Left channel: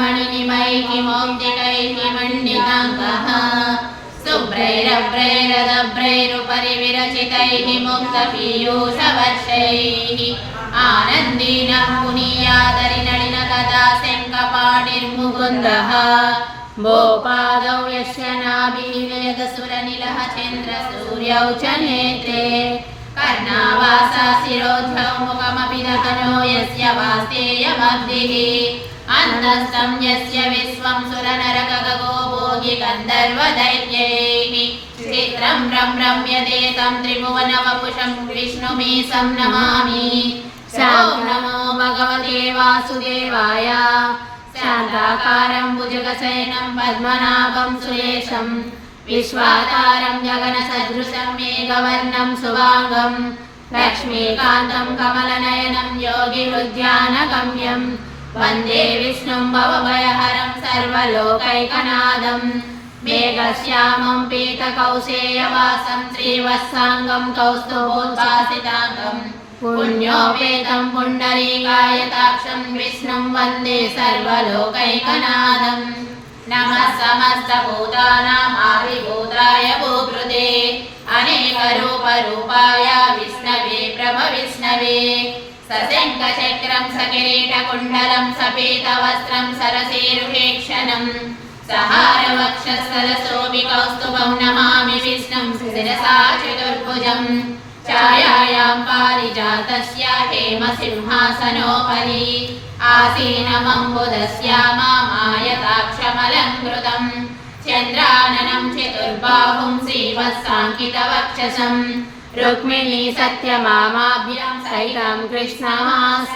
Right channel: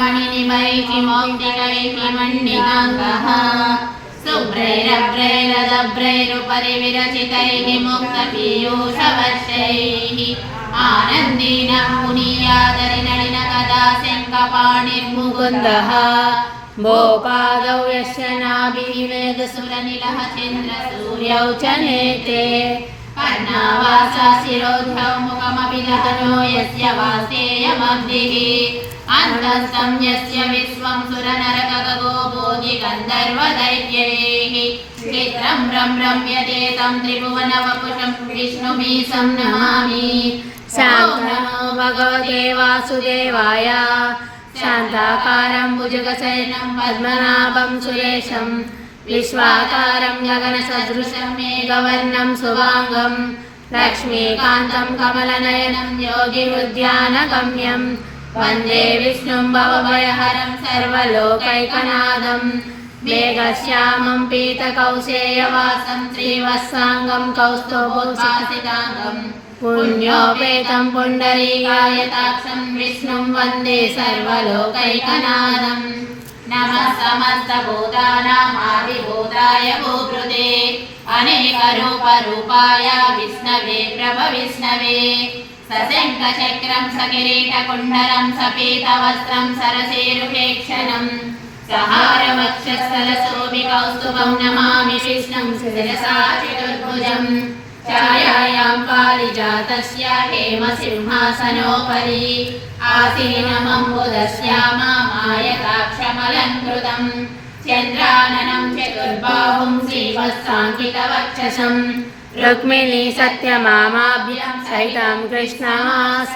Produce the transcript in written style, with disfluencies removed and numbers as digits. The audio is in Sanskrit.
मणिनिभैः मौक्तिकैः मण्डिकाङ्गः शुभ्रैरभ्रैरदभ्रैरुपरि विरचितैः मुक्तपीयूषवर्षैः आनन्दीनं मुनीयादरिनलिनगदा शङ्खपाणिर्मुकुन्दः भोपादौ यस्य नाभिवेदसुरनिलः चन्द्रसूर्यौ च नेत्रे कर्णावासा शिरोद्धौ मुखमपि दतनो यस्य वासेयमब्धिः अन्तस्थं यस्य विश्वं सुरनरकगो भोगि गन्धर्वदैत्यैः चित्रं रम्यते तं त्रिभुवनवपुषं विष्णुमीशं नमामि। ॐ नमो भगवते वासुदेवाय। शान्ताकारं भुजगशयनं पद्मनाभं सुरेशं विश्वाकारं गगनसदृशं मेघवर्णं शुभाङ्गं लक्ष्मीकान्तं कमलनयनं योगिवृद्ध्यानगम्यं वन्दे विष्णुं भवभयहरं सर्वलोकैकनाथं मेघश्यामं पीतकौशेयवासं श्रीवत्साङ्गं कौस्तुभोषासिताङ्गं पुण्योपेतं पुण्डरीकायताक्षं विष्णुं वन्दे सर्वलोकैकनाथं नमः समस्तभूतानामाविर्भूताय भूभृते अनेकरूपरूपाय विष्णवे प्रभविष्णवे सशङ्खचक्रं सकिरीटकुण्डलं सपीतवस्त्रं सरसीरुहेक्षणं सहारवक्षस्थलशोभिकौस्तुभं नमामि विष्णुं शिरसा चतुर्भुजम् छायायां पारिजातस्य हेमसिंहासनोपरि आसीनमम्बुदस्यामायताक्षमलङ्कृतं चन्द्राननं चतुर्बाहुं श्रीवत्साङ्कितवक्षसं रुक्मिणी सत्यभामाभ्यां सहितं कृष्णमास।